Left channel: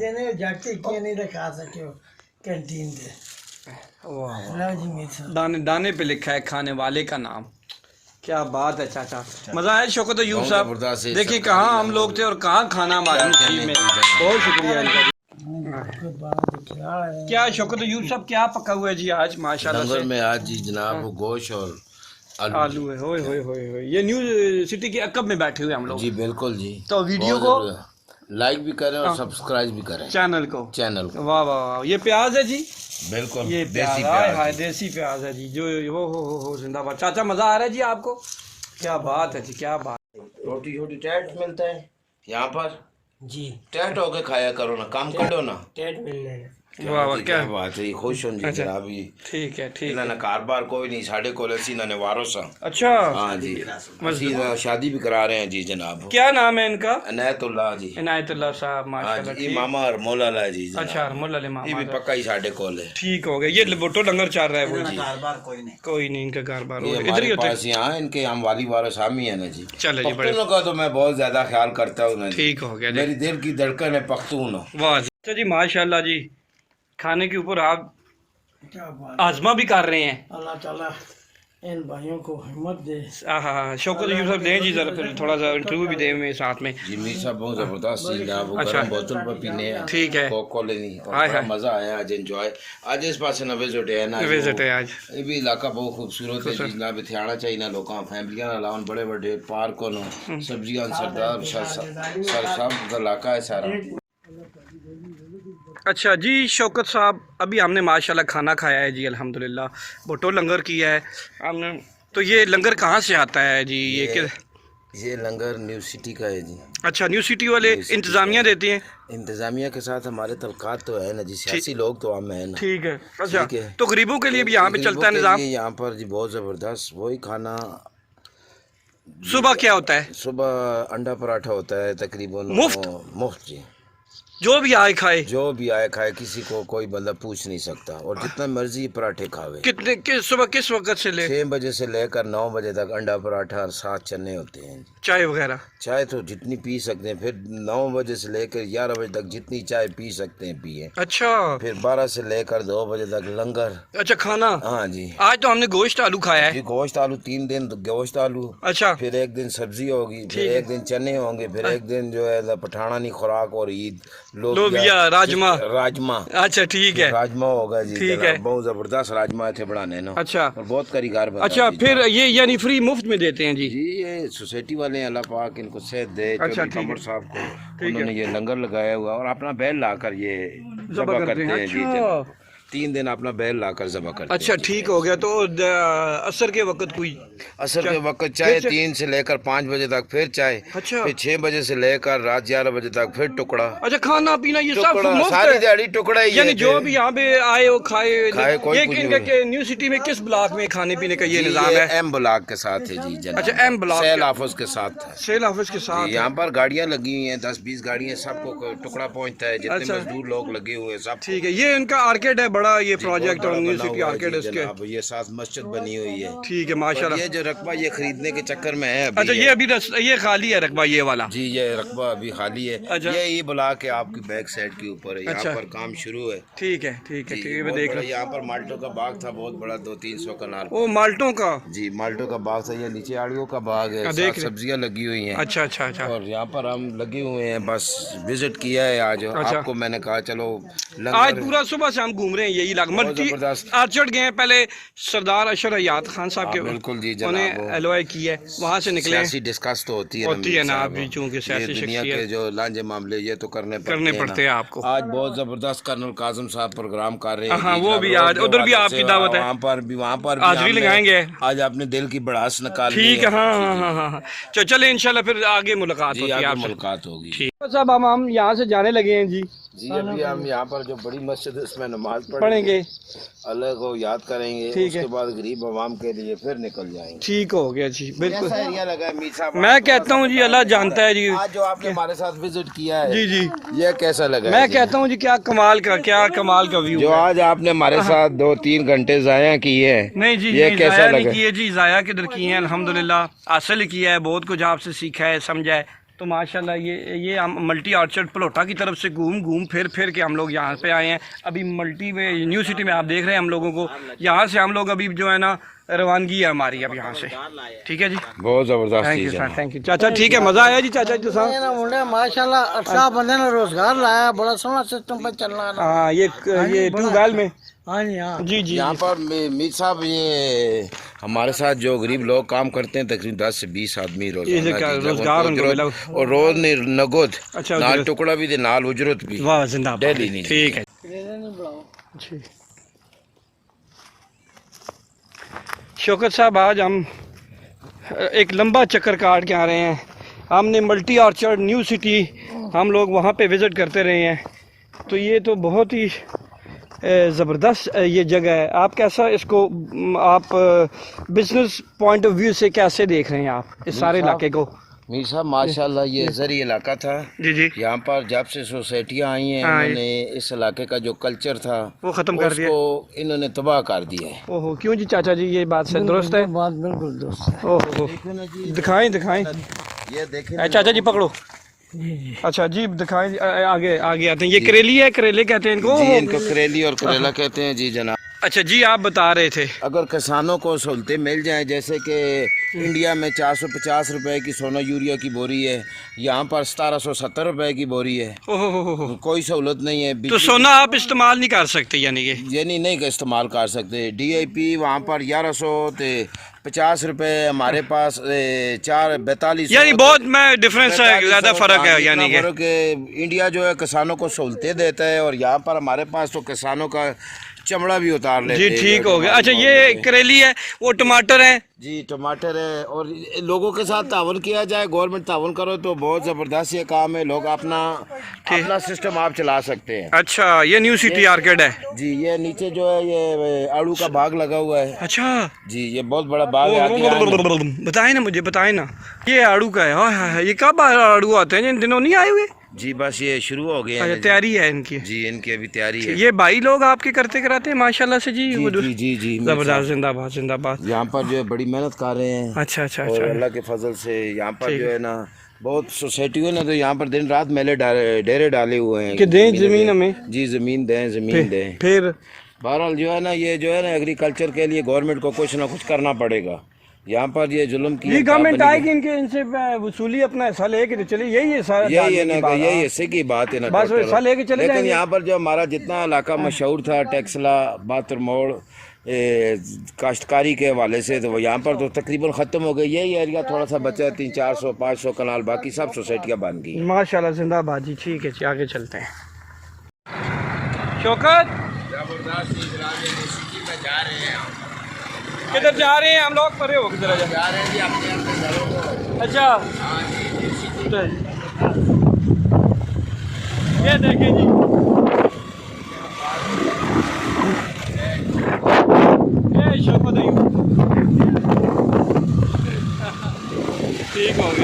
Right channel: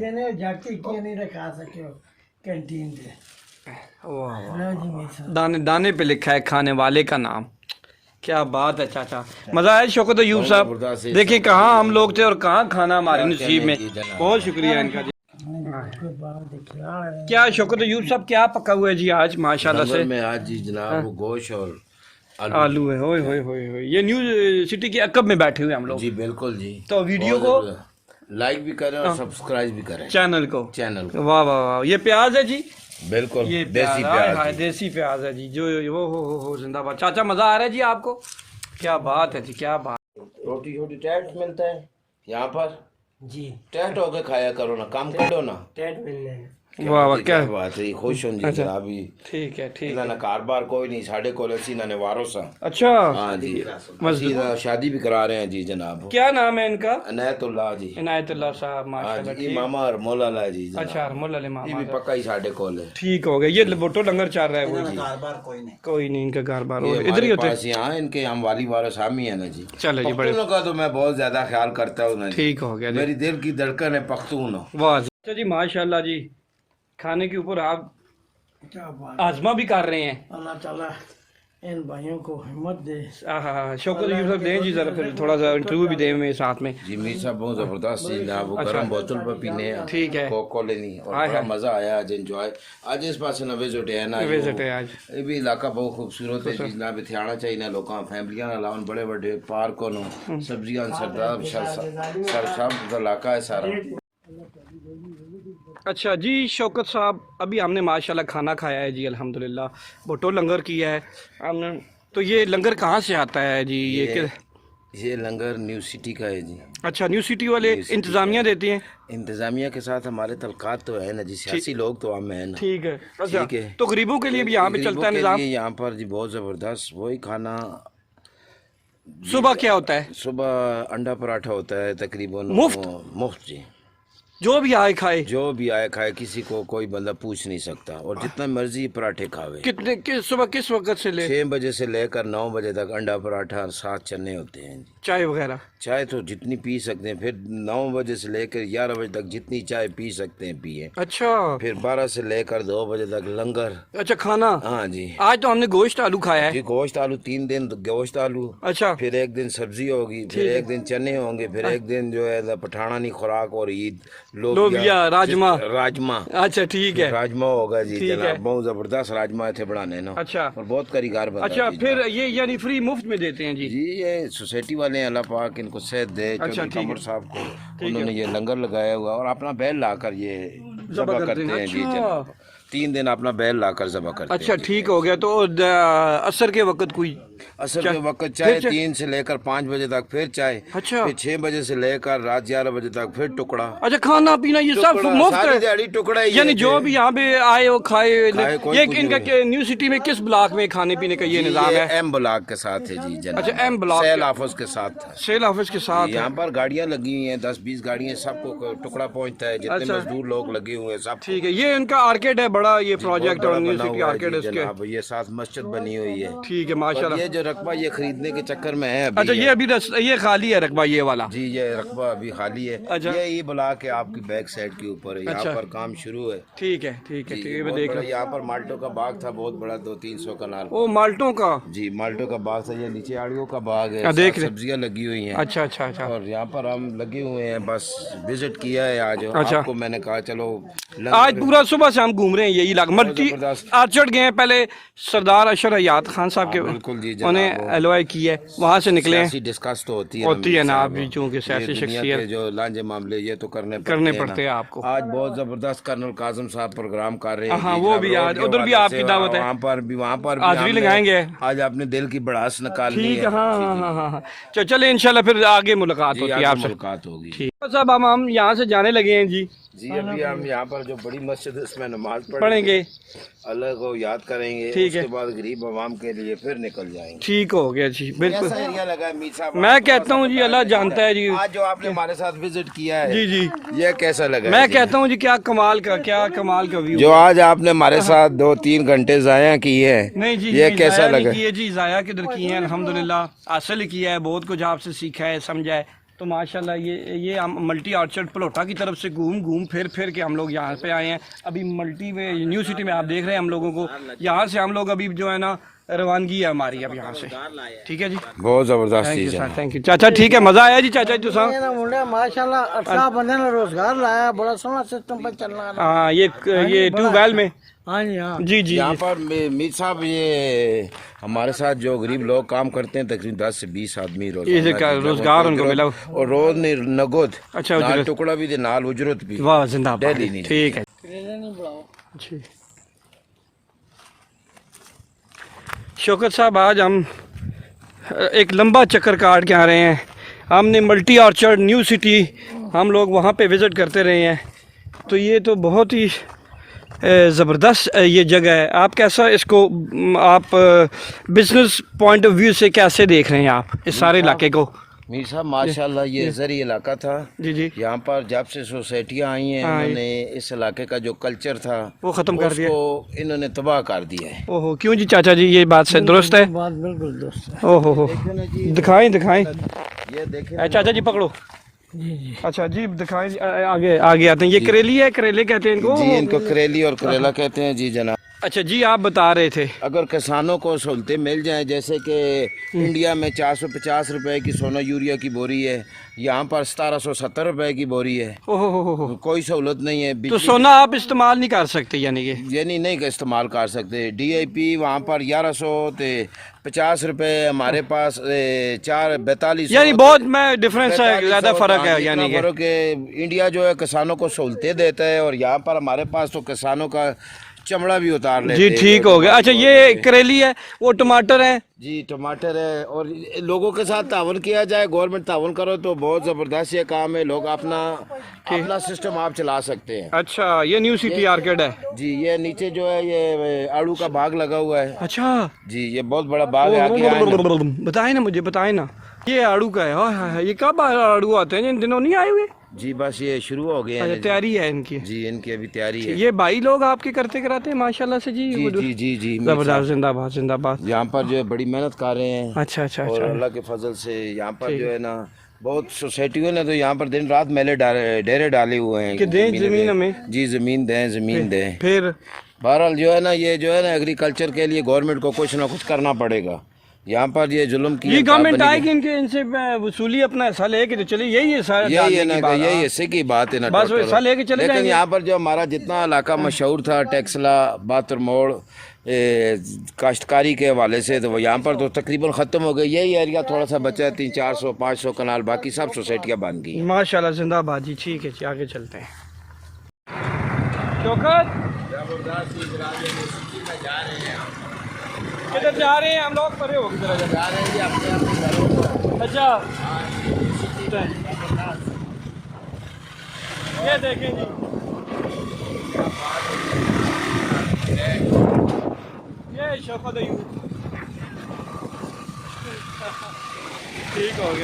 دینے جاتے کیے نہیں رکھا سکے ہو کینٹین دے دانے دانے پہ لکھا ہے کھانے والے کا نام. کیا بات ہے چاچا, مزہ آیا شوکت ایوب صاحب. دیکھیں کہاں ہم لوگ تھے اور کہاں کھانا ہمارے نصیب میں. بہت شکریہ ان کا. کیا شوکت ایوب صاحب کیا پکا ہوا ہے جی آج ماشاءاللہ سے؟ لنگر میں آج جی جناب وہ گوشت اور آلو ہے. ہوئے ہوئے ہوئے ہوئے. یہ نیو سٹی کے عقب میں بیٹھے ہوئے ہم لوگ. جی بالکل جی. تو ویڈیو کو لائک بھی کریں اور سبسکرائب بھی کریں چینل کو. واہ واہ واہ. یہ پیاز ہے جی, بالکل یہ دیسی پیاز پیاز. دیسی پیاز ہے جی. جو ہو زندہ باد. چاچا مزہ آ رہا ہے جی آپ کو؟ کیا بات ہے جی, کیا بات. روٹی چھوٹی ٹیٹ ملتا ہے یہاں پر جی, ٹیٹ ہو کے کھایا کرو نا, کام کرو نا. ٹیٹ ملنے ہیں. واہ واہ, کیا بات ہے, خوش ہوں جی جناب. ٹھیک ہے ٹھیک انہوں ہے. نے کاروبار کوئی نہیں ساڑھے کو لسی نہ نوارو سا. اچھا ہاں جی, شادی بھی کرا رہے ہیں جی جناب. کیا نام ہے ان کا؟ عنایت اللہ جی. عنایت اللہ صاحب ہاں ماشاءاللہ. جی, ماما اور مولا لا جی. اچھا ارمل علی یہ ماما. بھی پکا ہی ساڑھے کول ہے. ٹھیک ہو گیا. یہ بوٹو لنگر چل رہا ہے وہ جی. کاروبار کوئی نہیں ان کا کاروبار یہ ادھر ہی ہمارے ہوتے. پاس یہاں ان کے ہم والی وارث حامی ہیں نا جی. چلے جی بڑے. پختونوں کا تو میں بہت زیادہ خیال کرتا ہوں نا جی. ٹھیک ہو گیا جی. میری دل کی دھڑکن ہے پختون. واہ اچھا جی ماشاءاللہ جی. کھانے کے اوپر آپ کیا بات. آزما بھی کر رہے ہیں. اللہ تعالیٰ ان بھائیوں کو ہمت دے. ہاں شوکت ایوب صاحب دیں جی ذرا پھر تھوڑا سا انٹرویو بھی دیں میں ساتھ میں. جی میر صاحب بہت زبردست جی جناب. وہ گرم بوتل پر پینے ہیں. ٹھیک ہے. کوک کولے نہیں. اور بڑا مزہ آیا آج. انجوائے آج اس پاس نہ وزٹ ہے نا. وزٹ ہے آج. یہ بھی علاقہ بہت خوبصورت ہے جی جناب. اتنے آنا چاہیے نا لوگاں فیملیاں نہ لاؤن بڑے بڑے پارکوں نو سبزیاں سرداب سرسبز علاقہ ہے سارا. اچھا جی شوکت صاحب, ابھی ہم نے ماشاءاللہ کھانا کھایا ہے جی الحمدللہ. بھٹو لنگر کیا ہے ہم نے. تو یہ لنگر کہاں سے آتا ہے جی؟ یہ لنگر نیو سٹی کا ہے جی. اچھا نیو سٹی والے انتظامیہ دیتی ہیں؟ انتظامیہ کے ساتھ ہمارے تعلقات تو ہے نا جی. سیاسی لوگ تو ہم ہیں نا. ٹھیک ہے. اچھا تو غریبوں کے لیے بھی یہاں پہ چلتا ہے نظام؟ یہاں پر جی بہت زبردست وہی کھانا. صبح کیا ہوتا ہے؟ صبح انڈا پراٹھا ہوتا ہے تقریباً مفت جی. جو بھی آئے کھائے. جو بھی آئے کھائے, کسی کو کوئی بندہ پوچھ نہیں سکتا. اور جتنا مرضی پراٹھے کھاوے. کتنے صبح کس وقت سے لے؟ 6 بجے سے لے کر 9 بجے تک انڈا پراٹھا اور 7 چنے ہوتے ہیں. چائے وغیرہ؟ چائے تو جتنی پی سکتے ہیں. پھر 9 بجے سے لے کر 11 بجے تک جتنی چائے پی سکتے ہیں پیئے. اچھا. پھر 12 سے لے کر 2 بجے تک لنگر. اچھا کھانا. ہاں جی. آج تو ہم نے گوشت آلو کھایا ہے جی. گوشت آلو 3 دن گوشت آلو. اچھا. پھر ایک دن سبزی ہوگی. پھر ایک دن چنے ہوں گے. پھر ایک دن جو ہے پٹھانانی خوراک اور عید لوبیا راجما. اچھا ٹھیک ہے. راجما ہوگا جی. ٹھیک ہے. بہت زبردست راجما تھے بنانے نا. اچھا. اور بہت کاریگر بنا. اچھا پھر یہ یعنی فری مفت میں دیتے ہیں جی؟ جی یہ سوسائٹی والے ہیں, اللہ پاک ان کو صحت دے. اچھا کمر صاحب کو انہوں نے یہ لنگر لگایا ہوا اور اپنا بیل لا کر یہ ذبح کرتے ہیں جی. 3 دن اپنا بیل لا کر ذبح کرتے ہیں. اچھا ٹھیک ہو گیا. تو عصر کے وقت کوئی عصر کے وقت چائے 3 سے لے کر 5 بجے تک پھر چائے. اچھا. پھر 6 بجے سے لے کر رات 11 بجے تک پھر ٹکڑا. اچھا کھانا پینا یہ سب مفت ساری دیہڑی ٹکڑا ہی ہے. یعنی جو بھی یہاں پہ آئے ہو کھائے. یہ نیو سٹی میں کس بلاک میں کھانے پینے کا یہ نظام ہے؟ ایم بلاک کے ساتھ ہے جی جناب. اچھا ایم بلاک سیل آفس کے ساتھ. سیل آفس کے ساتھ یہاں پر گاڑیاں لگی ہوئی ہیں 10-20 گاڑیاں. سب کو ٹکڑا پہنچتا ہے. جتنے مزدور لوگ لگے ہوئے ہیں سب. ٹھیک ہے. یہ ان کا آرکیڈ ہے بڑا یہ پروجیکٹ اور نیو سٹی آرکیڈ اس کے. یہ ساتھ مسجد بنی ہوئی ہے. ٹھیک ہے ماشاءاللہ. یہ جو رقبہ یہ خریدنے کے چکر میں ہے. اچھا یہ ابھی یہ خالی ہے رقبہ یہ والا؟ جی یہ رقبہ ابھی خالی ہے. یہ بلاک ہے آپ کی بیک سائڈ کے اوپر. یہاں پر کام شروع ہے. ٹھیک ہے ٹھیک ہے. ٹھیک ہے میں دیکھ رہا ہوں. یہاں پر مالٹوں کا باغ تھا بہت بڑا 200-300 کنال. وہ مالٹوں کا؟ جی مالٹوں کا باغ تھا. یہ نیچے آڑیوں کا باغ ہے. سبزیاں لگی ہوئی ہیں. اچھا اچھا اچھا. اور یہاں پر ہم لگے ہوئے ہیں. بس وزٹ کیا ہے آج. آپ کو میں نے کہا چلو آج پورا صبح سے ہم گھوم رہے ہیں یہی علاقہ. آرچرڈ گئے ہیں پہلے سردار اشرف حیات خان صاحب کے. بالکل جی انہیں ایلوائی کی ہے. وہاں سے نکلے. سیاسی ڈسکس تو ہوتی ہے نا آپ بھی چونکہ سیاسی شخصیت کے جو لانجے معاملے یہ تو کرنے پڑتے ہیں آپ کو. آج بہت زبردست کرنل کاظم صاحب پروگرام کر رہے ہیں. ہاں وہ بھی آج ادھر بھی آپ کی دعوت ہے. وہاں پر حاضری لگائیں گے. آج اپنے دل کی بڑاس نکالنی ہے. ٹھیک ہے. ہاں ہاں ہاں ہاں. چلیں انشاءاللہ پھر آگے ملاقات ہوگی. آگے ملاقات ہوگی. صاحب ہم یہاں سے جانے لگے ہیں جی. جی ابھی ہم یہاں پر جو بڑی مسجد اس میں نماز پڑھیں گے. اللہ کو یاد کریں گے. اس کے بعد غریب عوام کے لیے پھر نکل جائیں گے. ٹھیک ہو گیا جی. بالکل. ایسا ایریا لگا ہے میر صاحب. میں کہتا ہوں جی اللہ جانتا ہے جی. آج جو آپ نے ہمارے ساتھ وزٹ کیا ہے جی جی یہ کیسا لگا؟ میں کہتا ہوں جی کیا کمال کا ویو. جو آج آپ نے ہمارے ساتھ 2-3 گھنٹے ضائع کیے ہیں. نہیں جی یہ کیسا لگا؟ جی ضائع کدھر کیے ہیں الحمدللہ. حاصل کیا ہے بہت کچھ آپ سے سیکھا ہے سمجھا ہے. تو ماشاءاللہ یہ ہم ملٹی آرچرڈ پلوٹا کی طرف سے گھوم پھر کے ہم لوگ یہاں پہ آئے ہیں. ابھی ملٹی میں نیو سٹی میں آپ دیکھ رہے ہیں ہم لوگوں کو. یہاں سے ہم لوگ ابھی جو ہے نا روانگی ہے ہماری اب یہاں سے. ٹھیک ہے جی, بہت زبردست چیز ہے. تھینک یو چاچا. ٹھیک ہے, مزہ آیا جی چاچا جو صاحب. ماشاءاللہ 18 بندے نے روزگار لایا, بڑا سونا سسٹم پہ چل رہا ہے. ہاں یہ ٹیوب ویل میں. ہاں جی ہاں جی یہاں پر میر صاحب یہ ہمارے ساتھ جو غریب لوگ کام کرتے ہیں تقریباً 10 سے 20 آدمی روزگار ان کو ملا. اور روز نہیں نگود اچھا نال ٹکڑا بھی دے نال اجرت بھی. واہ زندہ باد. ڈیلی نہیں. ٹھیک ہے. شوکت صاحب آج ہم ایک لمبا چکر کاٹ کے آ رہے ہیں. ہم نے ملٹی آرچرڈ نیو سٹی ہم لوگ وہاں پہ وزٹ کرتے رہے ہیں. تو یہ تو بہت ہی زبردست یہ جگہ ہے. آپ کیسا اس کو آپ بزنس پوائنٹ آف ویو سے کیسے دیکھ رہے ہیں آپ اس سارے علاقے کو؟ میر صاحب ماشاءاللہ یہ زرعی علاقہ تھا. جی یہاں پر جب سے سوسائٹیاں آئی ہیں انہوں نے اس علاقے کا جو کلچر تھا وہ ختم کر دیا, اس کو انہوں نے تباہ کر دیا ہے. اوہو کیوں جی چاچا جی, یہ بات سے درست ہے؟ بات بالکل درست ہے. اوہو دکھائیں یہ دیکھیں چاچا جی پکڑو. جی جی اچھا جی دکھائیں, آگے آتے ہیں. یہ کریلی ہے, کریلے کہتے ہیں ان کو. جی ان کو کریلی اور کریلا کہتے ہیں. جی جناب. اچھا جی آپ بتا رہے تھے اگر کسانوں کو سہولتیں مل جائیں جیسے کہ انڈیا میں 450 روپے کی سونا یوریا کی بوری ہے, یہاں پر 1770 روپے کی بوری ہے. اوہو کوئی سہولت نہیں ہے. تو سونا آپ استعمال نہیں کر سکتے یعنی کہ یعنی نہیں استعمال کر سکتے. ڈی اے پی وہاں پر 1150 روپے, ہمارے پاس 442 یعنی بہت میں ڈفرینس ہے, زیادہ فرق ہے یعنی کہ انڈیا جو ہے کسانوں کو سہولتیں دیتا ہے اور یہاں پر ہمارے پاس تو کسانوں کا چمڑا بھی اتار لیتے جی. ٹھیک ہو گیا. اچھا یہ کریلی ہے, وہ ٹماٹر ہیں. جی ٹماٹر ہے. اور لوگوں کے ساتھ تعاون کیا جائے, گورنمنٹ تعاون کرو تو بہت زبردست یہ کام ہے. لوگ اپنا سسٹم آپ چلا سکتے ہیں. اچھا یہ نیو سٹی آرکیڈ ہے. جی یہ نیچے جو ہے یہ آڑو کا باغ لگا ہوا ہے. اچھا جی یہ بہت بڑا باغ ہے. بتائیں نا مجھے, بتائیں نا یہ آڑو کا ہے. یہ کب آڑو آتے ہیں, جن دنوں نہیں آئے ہوئے؟ جی بس یہ شروع ہو گئے ہیں. تیاری ہے ان کی. جی ان کی ابھی تیاری ہے. یہ بھائی لوگ آپ کے کرتے کراتے ہیں ماشاءاللہ سے. جی جی جی زبردست. زندہ باد زندہ باد. یہاں پر جو ہے بڑی محنت کر رہے ہیں. اچھا اور اللہ کے فضل سے یہاں پر جو ہے نا بہت سوسائٹیوں نے تو یہاں پر دن رات میلے ڈیرے ڈالے ہوئے ہیں کہ دیں زمین ہمیں. جی زمین دیں. پھر بہرحال جو ہے نا یہ جو ہے نا ایگریکلچر کے لیے گورنمنٹ کو کچھ نہ کچھ کرنا پڑے گا. یہاں پر یہ ظلم کی گورنمنٹ آئے کہ ان سے وصولی اپنا حصہ لے کے چلے. یہی حصے کی بات ہے نا, بس وہ حصہ لے کے چلے جائیں لیکن گے. یہاں پر جو ہمارا جتنا علاقہ مشہور تھا ٹیکسلا باتر موڑ کاشتکاری کے حوالے سے, تو وہ یہاں پر تو تقریباً ختم ہو گئی. یہی ایریا تھوڑا سا بچا ہے, 300 400 500 کنال, باقی سب سوسائٹیاں بن گئی. ماشاءاللہ زندہ باد جی. ٹھیک ہے جی آگے چلتے ہیں. شوکت کدھر جا رہے ہیں ہم لوگ؟ پرے ہو کدھر جا رہے ہیں جی. اچھا یہ دیکھیں جی, شوکت ٹھیک ہو گیا.